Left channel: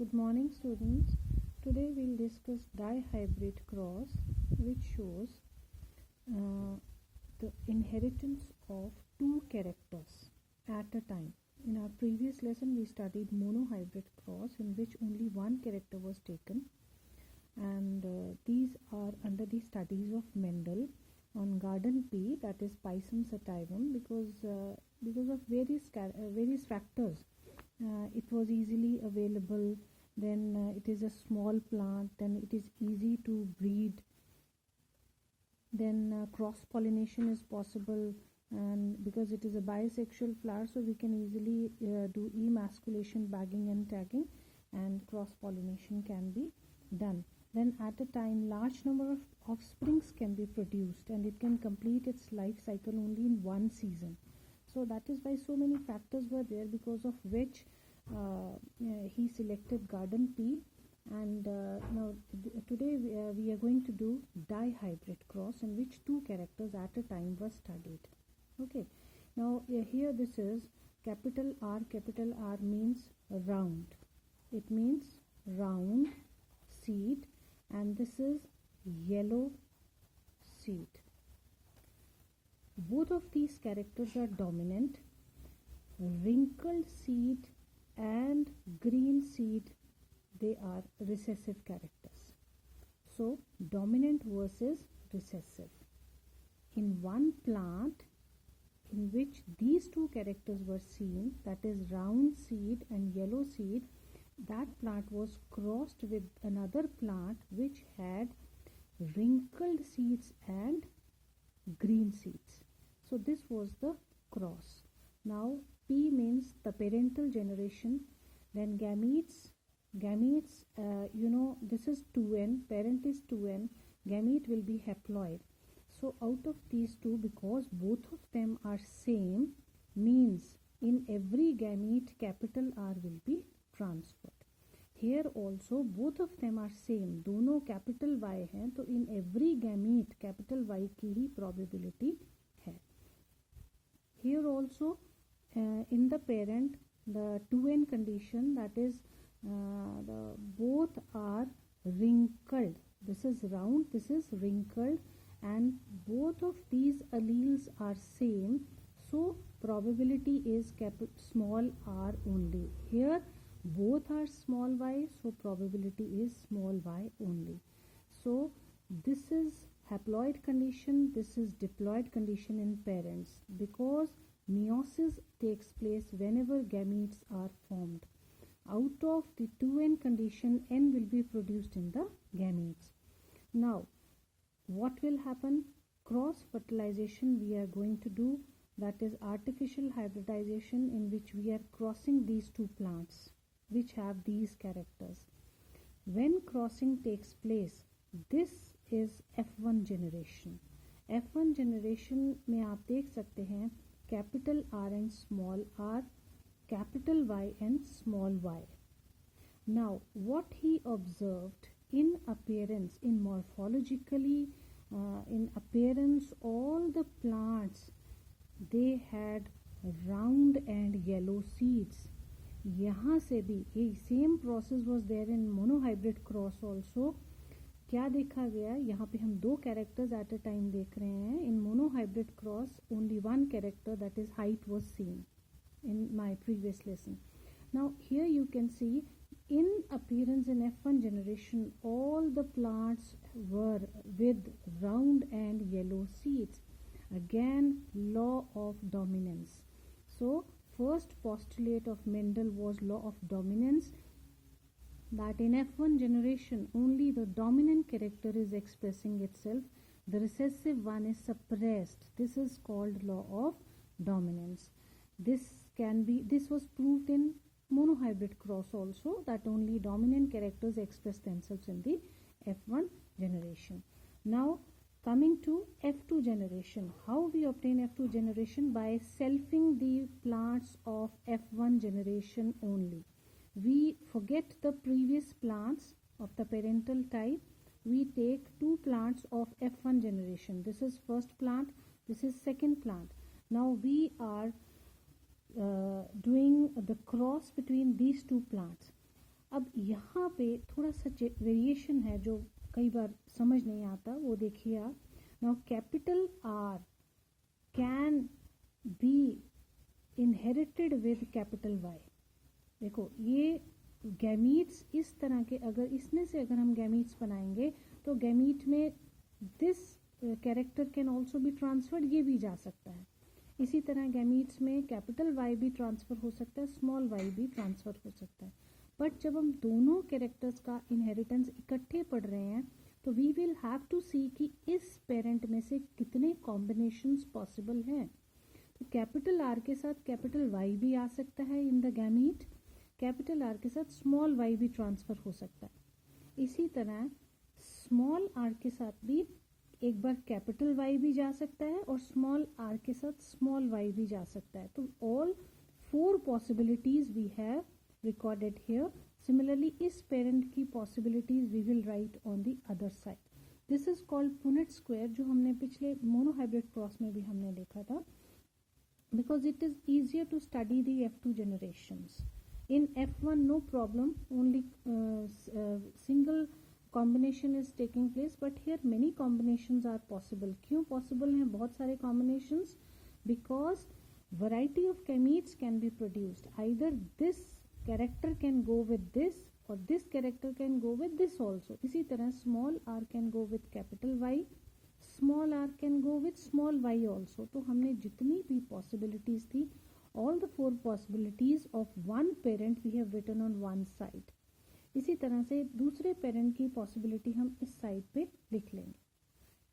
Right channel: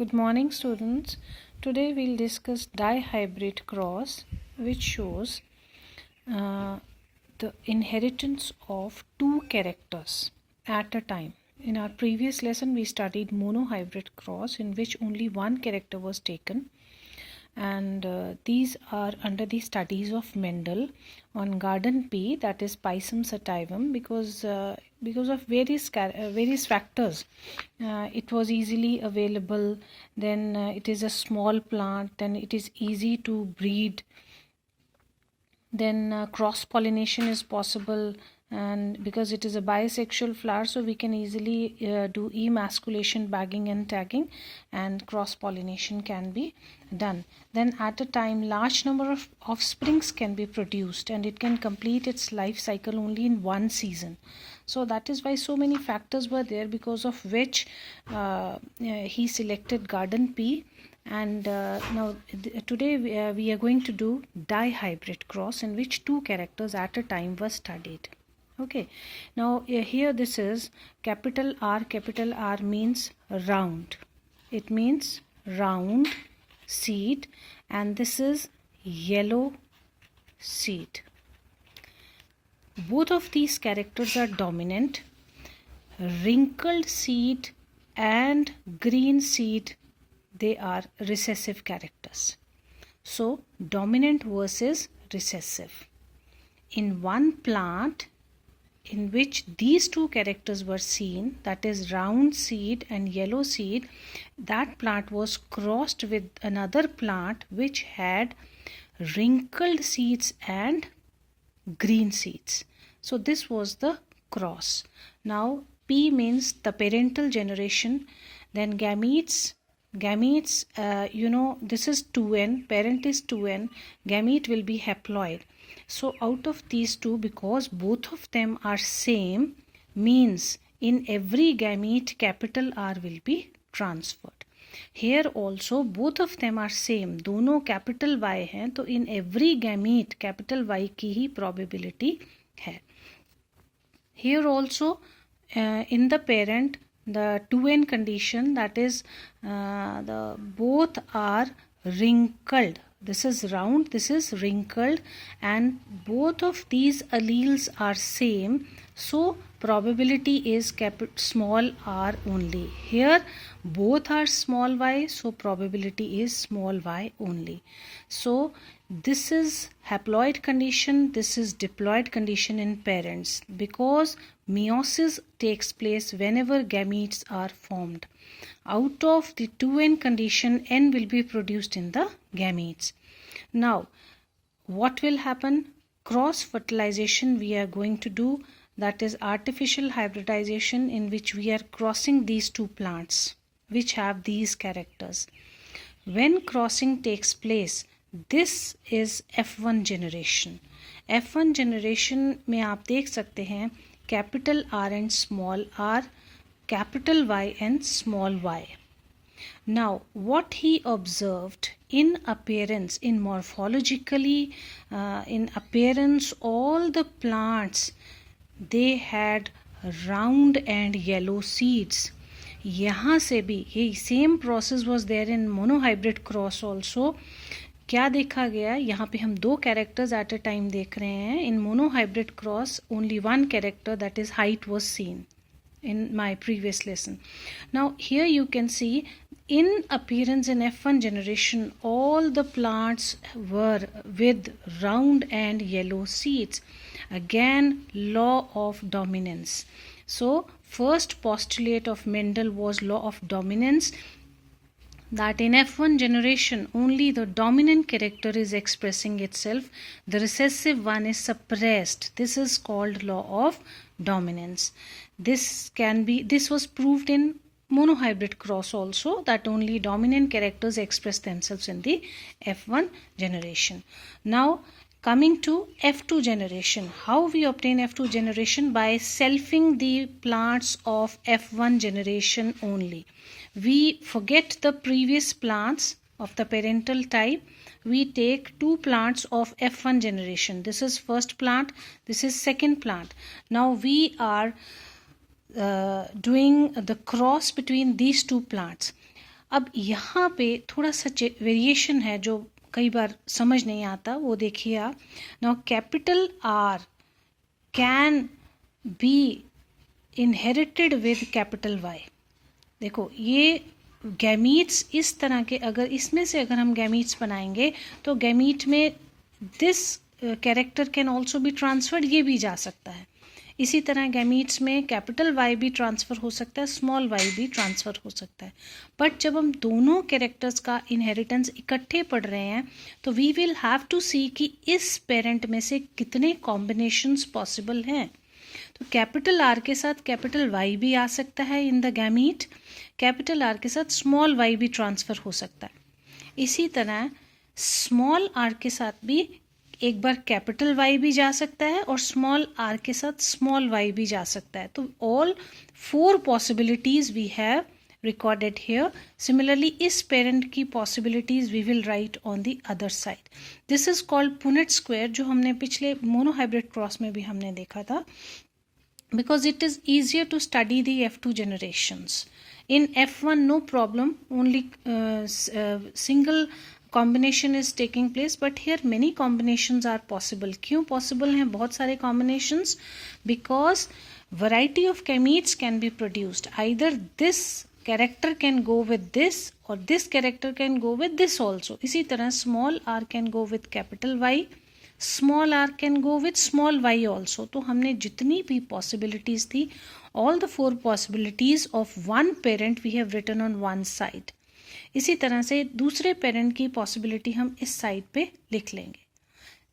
Good morning, students. Today we'll discuss dihybrid cross, which shows the inheritance of two characters at a time. In our previous lesson, we studied monohybrid cross, in which only one character was taken, and these are under the studies of Mendel on garden pea, that is Pisum sativum, because of various factors. It was easily available, then it is a small plant, then it is easy to breed, then cross pollination is possible, and because it is a bisexual flower, so we can easily do emasculation, bagging and tagging, and cross pollination can be done. Then at a time large number of offsprings can be produced, and it can complete its life cycle only in one season. So that is why so many factors were there, because of which he selected garden pea. And today we are going to do dihybrid cross, in which two characters at a time were studied. Okay, now here this is capital R. Capital R means round. It means round seed, and this is yellow seed. Both of these characters are dominant. Wrinkled seed and green seed, they are recessive characters. So dominant versus recessive. In one plant in which these two characters were seen, that is round seed and yellow seed, that plant was crossed with another plant which had wrinkled seeds and green seeds. So this was the cross. Now P means the parental generation. Then gametes, this is 2n, parent is 2n, gamete will be haploid. So out of these two, because both of them are same, means in every gamete capital R will be transferred. Here also both of them are same, दोनों capital Y हैं, तो in every gamete capital Y की ही probability है. Here also in the parent, the 2n condition, that is the both are wrinkled. This is round, this is wrinkled, and both of these alleles are same, so probability is small r only. Here both are small y, so probability is small y only. So this is haploid condition, this is diploid condition in parents, because meiosis takes place whenever gametes are formed. Out of the 2n condition, n will be produced in the gametes. Now what will happen? Cross fertilization we are going to do, that is artificial hybridization, in which we are crossing these two plants which have these characters. When crossing takes place, this is F1 generation. F1 generation में आप देख सकते हैं capital R and small r, capital Y and small y. Now what he observed in appearance, in morphologically, in appearance, all the plants, they had round and yellow seeds. यहाँ से भी ये same process was there in monohybrid cross also. क्या देखा गया? यहाँ पे हम दो characters at a time देख रहे हैं. In monohybrid cross only one character, that is height, was seen in my previous lesson. Now here you can see in appearance in F1 generation, all the plants were with round and yellow seeds. Again, law of dominance. So first postulate of Mendel was law of dominance, that in F1 generation only the dominant character is expressing itself, the recessive one is suppressed. This is called law of dominance. This was proved in monohybrid cross also, that only dominant characters express themselves in the F1 generation. Now coming to F2 generation, how we obtain F2 generation? By selfing the plants of F1 generation only. We forget the previous plants of the parental type. We take two plants of F1 generation. This is first plant, this is second plant. Now we are doing the cross between these two plants. अब यहाँ पे थोड़ा सा variation है जो कई बार समझ नहीं आता, वो देखिए आप। Now capital R can be inherited with capital Y. देखो ये गैमीट्स इस तरह के, अगर इसमें से अगर हम गैमीट्स बनाएंगे तो गैमीट में this character can also be transferred, ये भी जा सकता है। इसी तरह गैमीट्स में कैपिटल वाई भी ट्रांसफ़र हो सकता है, स्मॉल वाई भी ट्रांसफ़र हो सकता है। बट जब हम दोनों कैरेक्टर्स का इनहेरिटेंस इकट्ठे पढ़ रहे हैं तो वी विल हैव टू सी कि इस पेरेंट में से कितने कॉम्बिनेशंस पॉसिबल हैं। तो कैपिटल आर के साथ कैपिटल वाई भी आ सकता है in the gamete, capital R के साथ स्मॉल वाई भी ट्रांसफ़र हो सकता है। इसी तरह स्मॉल आर के साथ भी एक बार कैपिटल वाई भी जा सकता है और स्मॉल आर के साथ स्मॉल वाई भी जा सकता है। तो all 4 possibilities we have recorded here. Similarly, इस पेरेंट की possibilities we will write on the other side. This is called Punnett square, जो हमने पिछले मोनोहाइब्रिड क्रॉस में भी हमने देखा था, because it is easier to study the F2 generations. In F1 no problem, only single combination is taking place, but here many combinations are possible. क्यों possible हैं बहुत सारे combinations? Because variety of gametes can be produced. Either this character can go with this or this character can go with this also. इसी तरह small r can go with capital Y, small R can go with small Y also. तो हमने जितनी भी possibilities थी, all the 4 possibilities of one parent we have written on one side. इसी तरह से दूसरे पेरेंट की पॉसिबिलिटी हम इस साइड पे लिख लेंगे.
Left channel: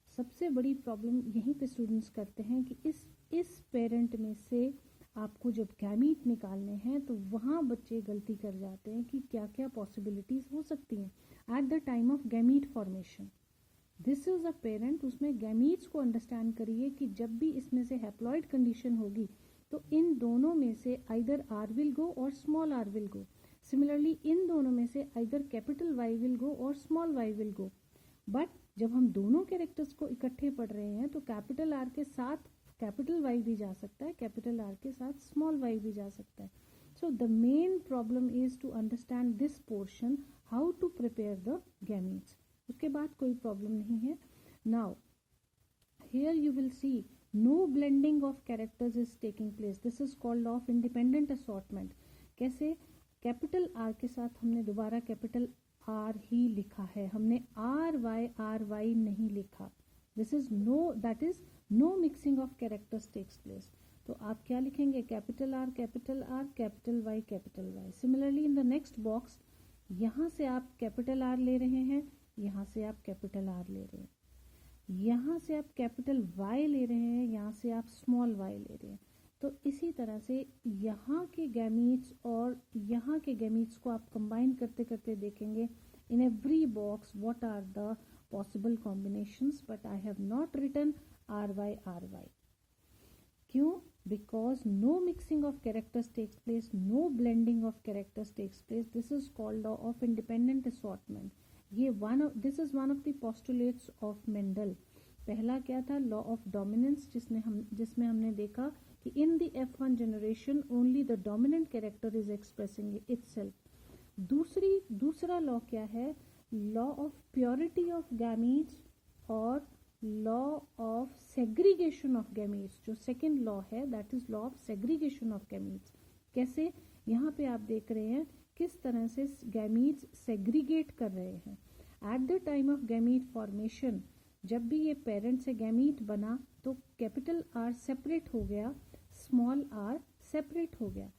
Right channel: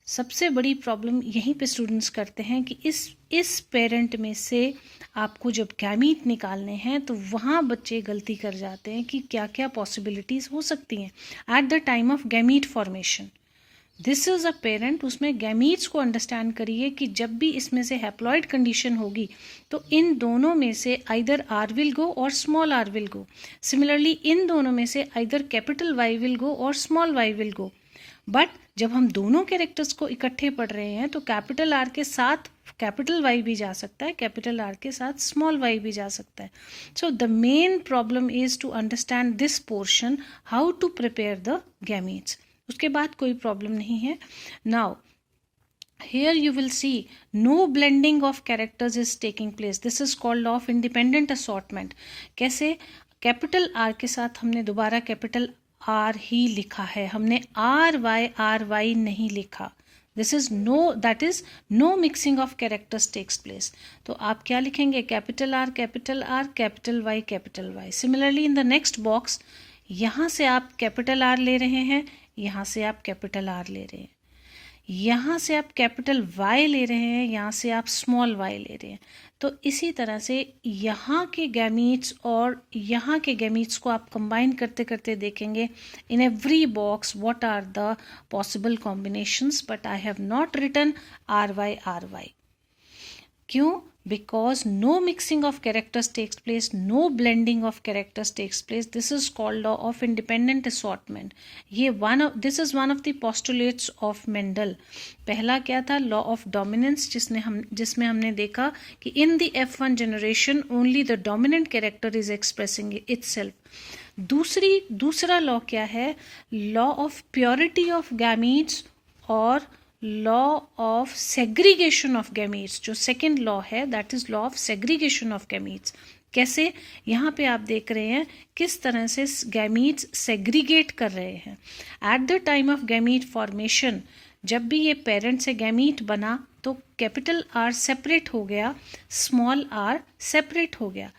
सबसे बड़ी प्रॉब्लम यहीं पे स्टूडेंट्स करते हैं कि इस पेरेंट में से आपको जब गैमीट निकालने हैं तो वहाँ बच्चे गलती कर जाते हैं कि क्या क्या पॉसिबिलिटीज़ हो सकती हैं at the time of gamete formation. This is a parent, उसमें गैमीट्स को अंडरस्टैंड करिए कि जब भी इसमें से हैप्लॉइड कंडीशन होगी तो इन दोनों में से आइदर आर विल गो और small R will go. Similarly इन दोनों में से either capital Y will go और small Y will go. But जब हम दोनों कैरेक्टर्स को इकट्ठे पढ़ रहे हैं तो कैपिटल आर के साथ कैपिटल वाई भी जा सकता है, कैपिटल आर के साथ स्मॉल वाई भी जा सकता है. So the main problem is to understand this portion, how to prepare the gametes. उसके बाद कोई प्रॉब्लम नहीं है. Now here you will see no blending of characters is taking place. this is called law of independent assortment. कैसे? Capital R के साथ हमने दोबारा कैपिटल आर ही लिखा है, हमने आर वाई नहीं लिखा. This is no, that is no mixing of characters takes place. तो आप क्या लिखेंगे? Capital R capital Y capital Y. Similarly in the next box, यहाँ से आप कैपिटल आर ले रहे हैं, यहाँ से आप कैपिटल आर ले रहे हैं, यहाँ से आप कैपिटल वाई ले रहे हैं, यहाँ से आप स्मॉल वाई ले रहे हैं. तो इसी तरह से यहाँ के गैमीट्स और यहाँ के गैमीट्स को आप कंबाइन करते करते देखेंगे in every box what are the possible combinations. But I have not written R Y. क्यों? because no mixing of characters takes place, no blending of characters takes place. This is called law of independent assortment. This is one of the postulates of Mendel. पहला क्या था? law of dominance, जिसमें हमने देखा कि in the F1 generation only the dominant character is expressing itself. दूसरा law क्या है? law of purity of gametes और law of segregation of gametes. जो सेकेंड लॉ है that is law of segregation of gametes. कैसे? यहाँ पे आप देख रहे हैं किस तरह से गैमीट्स सेग्रीगेट कर रहे हैं. At the time of gamete formation, जब भी ये पेरेंट से गैमीट बना तो कैपिटल आर सेपरेट हो गया, स्मॉल आर सेपरेट हो गया.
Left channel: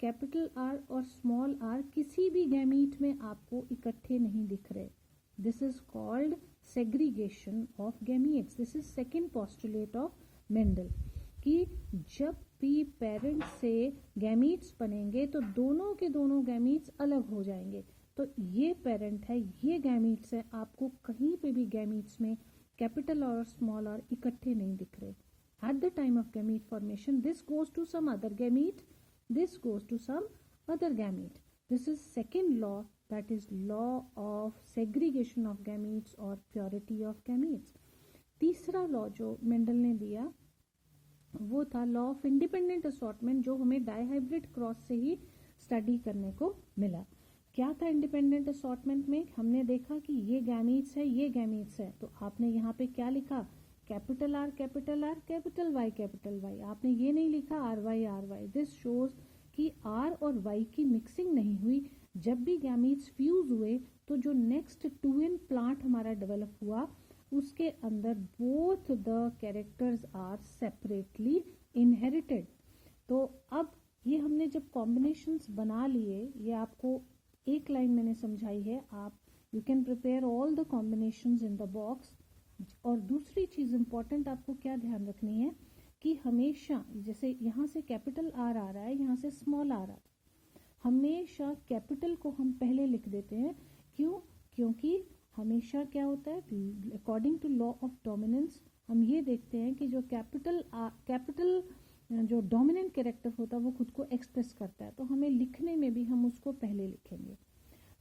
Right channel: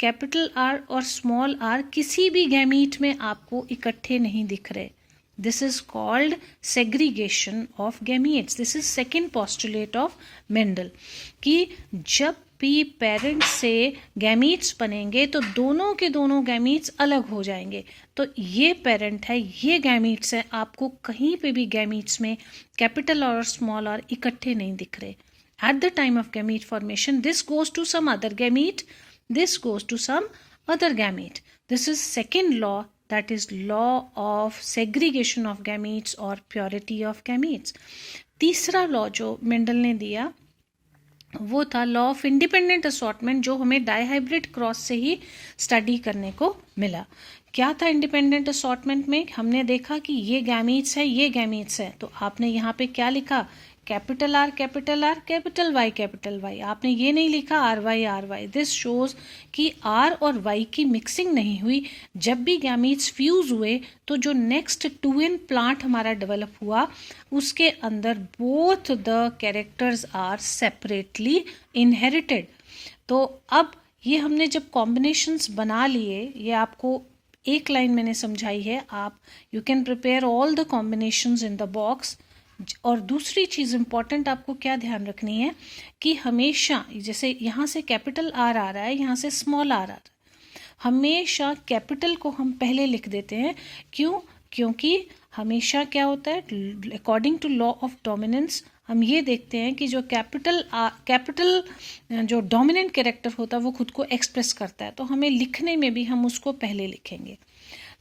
कैपिटल आर और स्मॉल आर किसी भी गैमीट में आपको इकट्ठे नहीं दिख रहे. This is called segregation of gametes. This is second postulate of Mendel. कि जब भी पेरेंट से गैमीट्स बनेंगे तो दोनों के दोनों गैमीट्स अलग हो जाएंगे. तो ये पेरेंट है, ये गैमीट्स है, आपको कहीं पे भी गैमीट्स में कैपिटल और स्मॉल आर इकट्ठे नहीं दिख रहे. At the time of gamete formation, this goes to some other gamete, this goes to some other gamete. This is second law, that is law of segregation of gametes or purity of gametes. तीसरा law जो Mendel ने दिया वो था law of independent assortment, जो हमें dihybrid cross से ही study करने को मिला। क्या था इंडिपेंडेंट असॉर्टमेंट में? हमने देखा कि ये गैमीट्स है, ये गैमीट्स है, तो आपने यहाँ पे क्या लिखा? Capital R capital R, capital Y, आपने ये नहीं लिखा आर वाई। दिस शोज कि आर और वाई की मिक्सिंग नहीं हुई। जब भी गैमीट्स फ्यूज हुए तो जो नेक्स्ट 2n प्लांट हमारा डेवलप हुआ, उसके अंदर both the characters are separately inherited. तो अब ये हमने जब कॉम्बिनेशंस बना लिए, ये आपको एक लाइन मैंने समझाई है, आप you can prepare all the combinations in the box. और दूसरी चीज़ इम्पॉर्टेंट आपको क्या ध्यान रखनी है कि हमेशा, जैसे यहाँ से कैपिटल आर आ रहा है, यहाँ से स्मॉल आर आ रहा है, हमेशा कैपिटल को हम पहले लिख देते हैं। क्यों? क्योंकि हमेशा क्या होता है, according to law of dominance, हम ये देखते हैं कि जो कैपिटल जो डोमिनेंट कैरेक्टर होता है वो खुद को एक्सप्रेस करता है, तो हमें लिखने में भी हम उसको पहले लिखेंगे।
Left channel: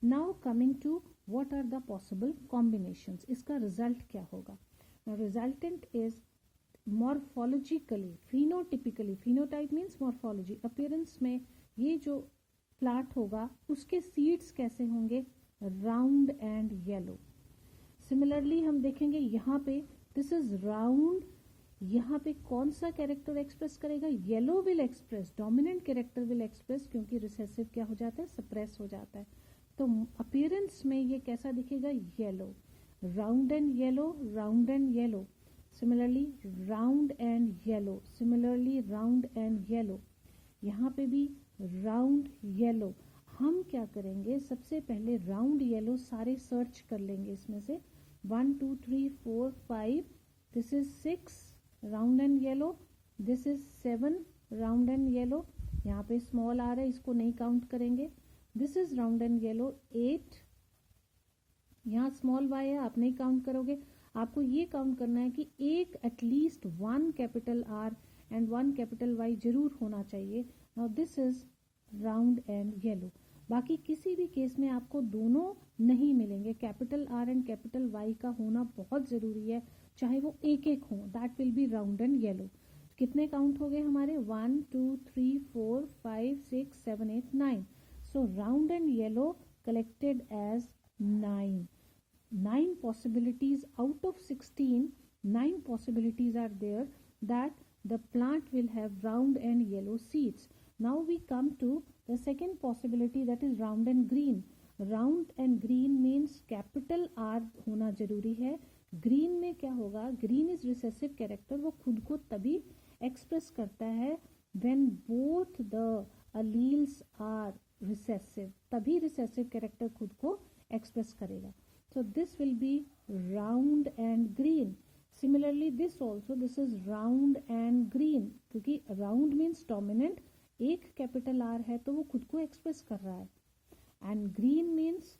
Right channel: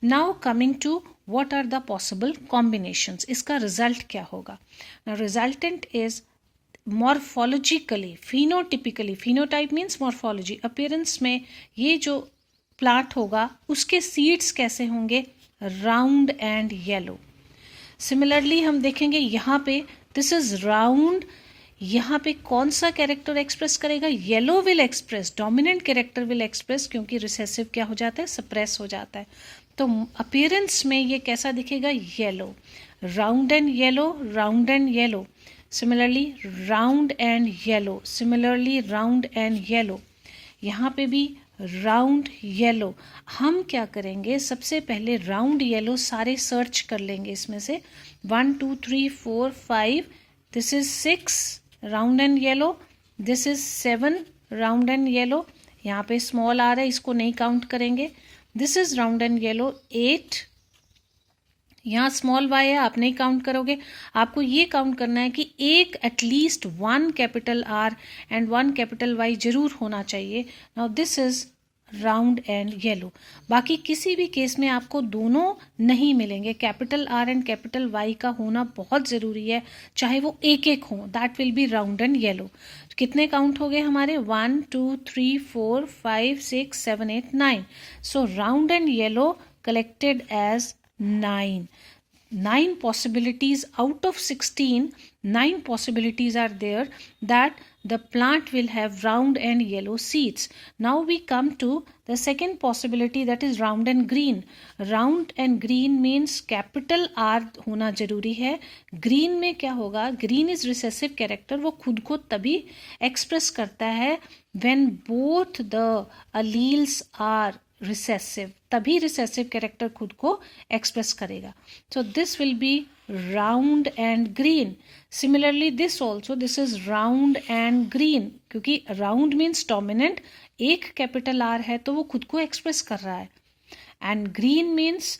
Now coming to what are the possible combinations, इसका रिजल्ट क्या होगा? Now resultant is morphologically, phenotypically, phenotype means morphology, appearance में ये जो प्लांट होगा उसके सीड्स कैसे होंगे? Round and yellow. सिमिलरली हम देखेंगे यहाँ पे दिस इज राउंड, यहाँ पे कौन सा कैरेक्टर एक्सप्रेस करेगा? Yellow will express, dominant character will express, क्योंकि रिसेसिव क्या हो जाता है? सप्रेस हो जाता है। तो अपीयरेंस में ये कैसा दिखेगा? Yellow, round and yellow, round and yellow. Similarly round and yellow, similarly round and yellow, यहाँ पे भी राउंड येलो। हम क्या करेंगे, सबसे पहले राउंड येलो सारे सर्च कर लेंगे इसमें से, 1 2 3 4 5, this is 6 round and yellow, this is 7 round and yellow, यहाँ पे स्मॉल आ रहा है इसको नहीं काउंट करेंगे, this is round and yellow 8, यहाँ स्मॉल वाई है आप नहीं काउंट करोगे, आपको ये काउंट करना है कि एक at least 1 capital R and 1 capital Y जरूर होना चाहिए। Now this is round and yellow. बाकी किसी भी केस में आपको दोनों नहीं मिलेंगे, capital R and capital Y का होना बहुत ज़रूरी है, चाहे वो एक एक हो, that will be round and yellow. कितने काउंट हो गए हमारे? 1 2 3 4 5 6 7 8 9। सो round and yellow collected as 9. 9 possibilities out of 16, 9 possibilities are there that the plant will have round and yellow seeds. Now we come to the second possibility, that is round and green. Round and green means capital R होना जरूरी है। green में क्या होगा? green is recessive character, वो खुद को तभी express करता है when both the alleles are recessive, तभी रिसेसिव कैरेक्टर खुद को एक्सप्रेस करेगा। So this will be round and green. Similarly this also, this is round and green, क्योंकि राउंड मीन्स डोमिनेंट, एक कैपिटल आर है तो वो खुद को एक्सप्रेस कर रहा है, and green means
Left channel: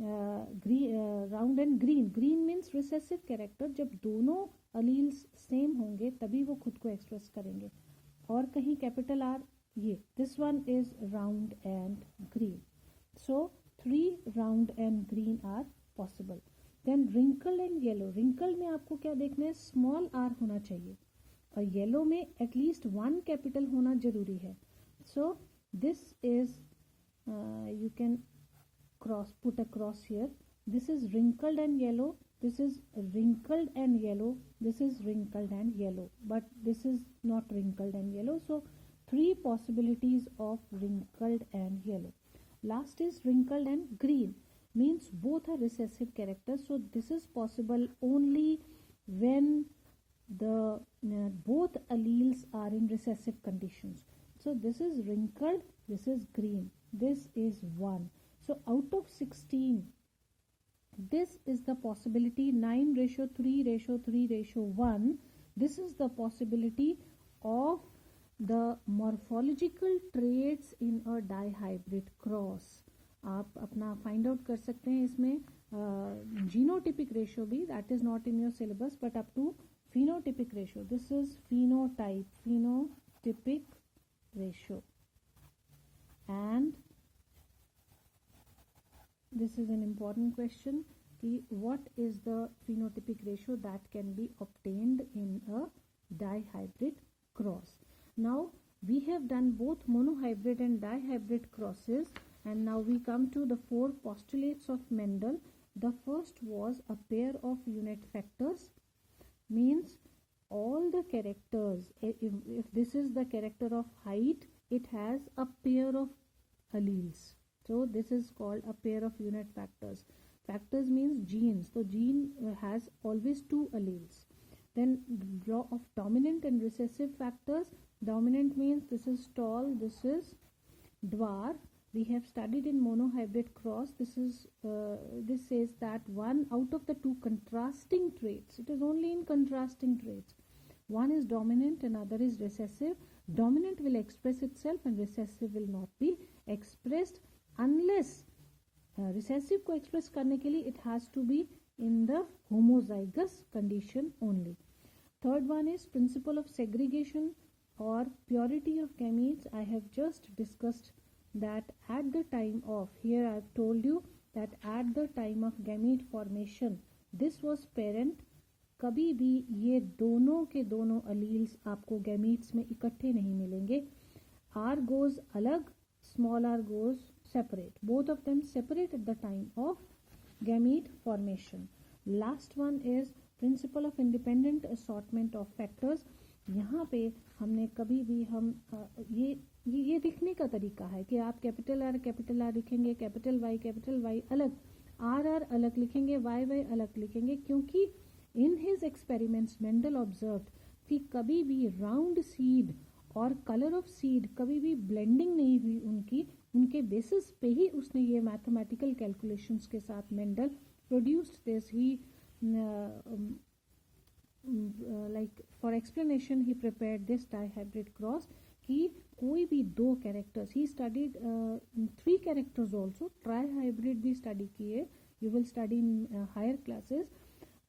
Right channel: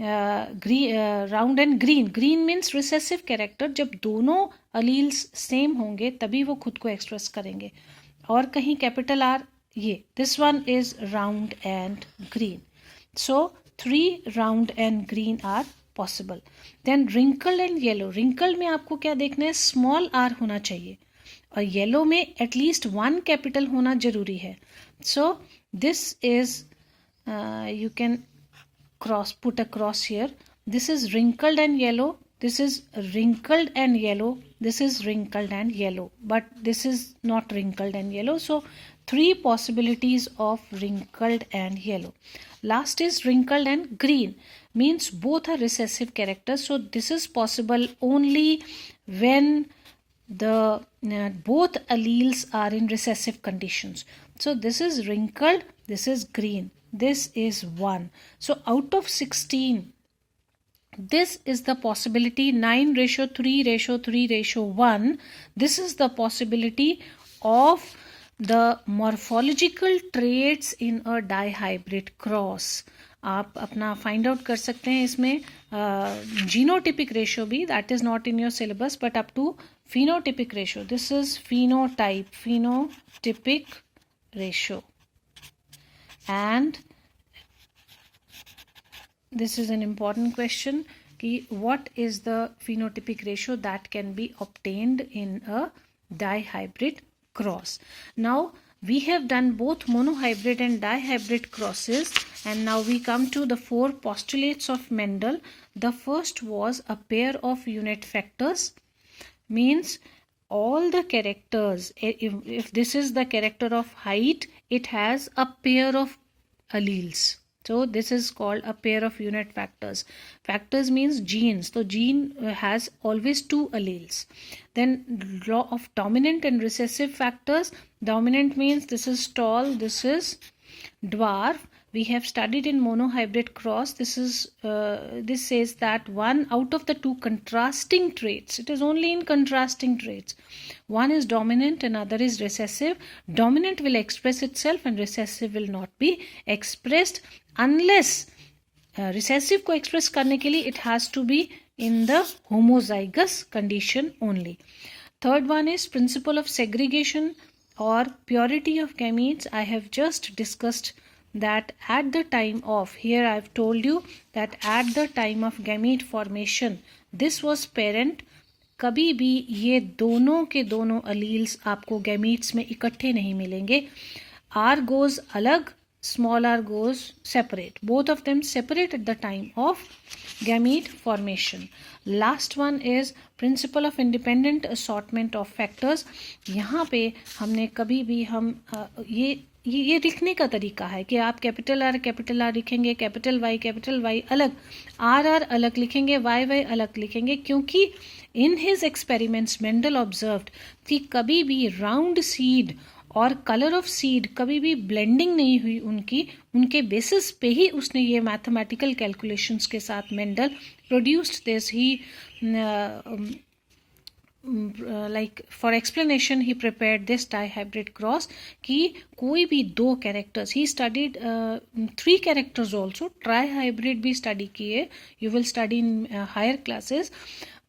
round and green, green means recessive character, जब दोनों अलील्स सेम होंगे तभी वो खुद को एक्सप्रेस करेंगे, और कहीं कैपिटल आर, ये this one is round and green. So 3 round and green are possible. Then wrinkled and yellow, wrinkled में आपको क्या देखना है? स्मॉल आर होना चाहिए, और येलो में एटलीस्ट 1 कैपिटल होना जरूरी है। So this is you can cross, put a cross here, this is wrinkled and yellow, this is wrinkled and yellow, this is wrinkled and yellow, but this is not wrinkled and yellow. So 3 possibilities of wrinkled and yellow. Last is wrinkled and green, means both are recessive characters, so this is possible only when the both alleles are in recessive conditions. So this is wrinkled, this is green, this is 1. So out of 16, this is the possibility, 9:3:3:1. This is the possibility of the morphological traits in a dihybrid cross. आप अपना find out कर सकते हैं इसमें genotypic ratio भी, that is not in your syllabus, but up to phenotypic ratio. This is phenotype, phenotypic ratio, and this is an important question कि what is the phenotypic ratio that can be obtained in a dihybrid cross. Now we have done both monohybrid and dihybrid crosses, and now we come to the 4 postulates of Mendel. The first was a pair of unit factors, means all the characters, if this is the character of height, it has a pair of alleles. So this is called a pair of unit factors. Factors means genes. So gene has always 2 alleles. Then law of dominant and recessive factors. Dominant means this is tall, this is dwarf. We have studied in monohybrid cross. This says that one out of the 2 contrasting traits. It is only in contrasting traits. One is dominant, another is recessive. Dominant will express itself and recessive will not be expressed unless recessive को express करने के लिए it has to be in the homozygous condition only. Third one is principle of segregation or purity of gametes. I have just discussed that at the time of, here I have told you that at the time of gamete formation, this was parent. कभी भी ये दोनों के दोनों alleles आपको gametes में इकट्ठे नहीं मिलेंगे. R goes अलग, small r goes separate. Both of them separate at the time of gamete formation. Last one is principle of independent assortment of factors. यहाँ पे हमने कभी भी हम ये लिखने का तरीका है कि आप कैपिटल आर लिखेंगे, कैपिटल वाई अलग, आर अलग लिखेंगे, वाई अलग लिखेंगे, क्योंकि in his experiments Mendel observed कि कभी भी राउंड सीड और कलर ऑफ सीड कभी भी ब्लेंडिंग नहीं हुई उनके बेसिस पे ही उसने ये मैथमेटिकल कैलकुलेशंस के साथ Mendel produced this. He like for explanation he prepared this dihybrid cross कि कोई भी 2 characters, he studied 3 characters also, trihybrid भी study किए, you will study in higher classes,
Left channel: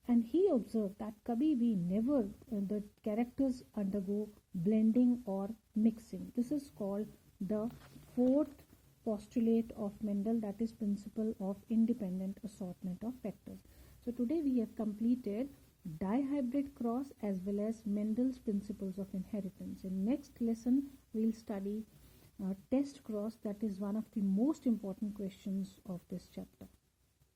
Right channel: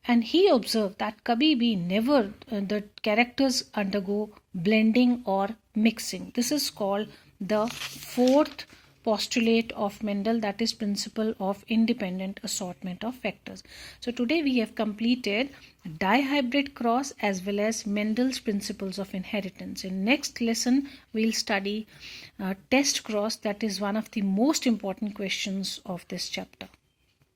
and he observed that कभी भी never the characters undergo blending or mixing. This is called the 4th postulate of Mendel, that is principle of independent assortment of factors. So today we have completed dihybrid cross as well as Mendel's principles of inheritance. In next lesson we'll study test cross, that is one of the most important questions of this chapter.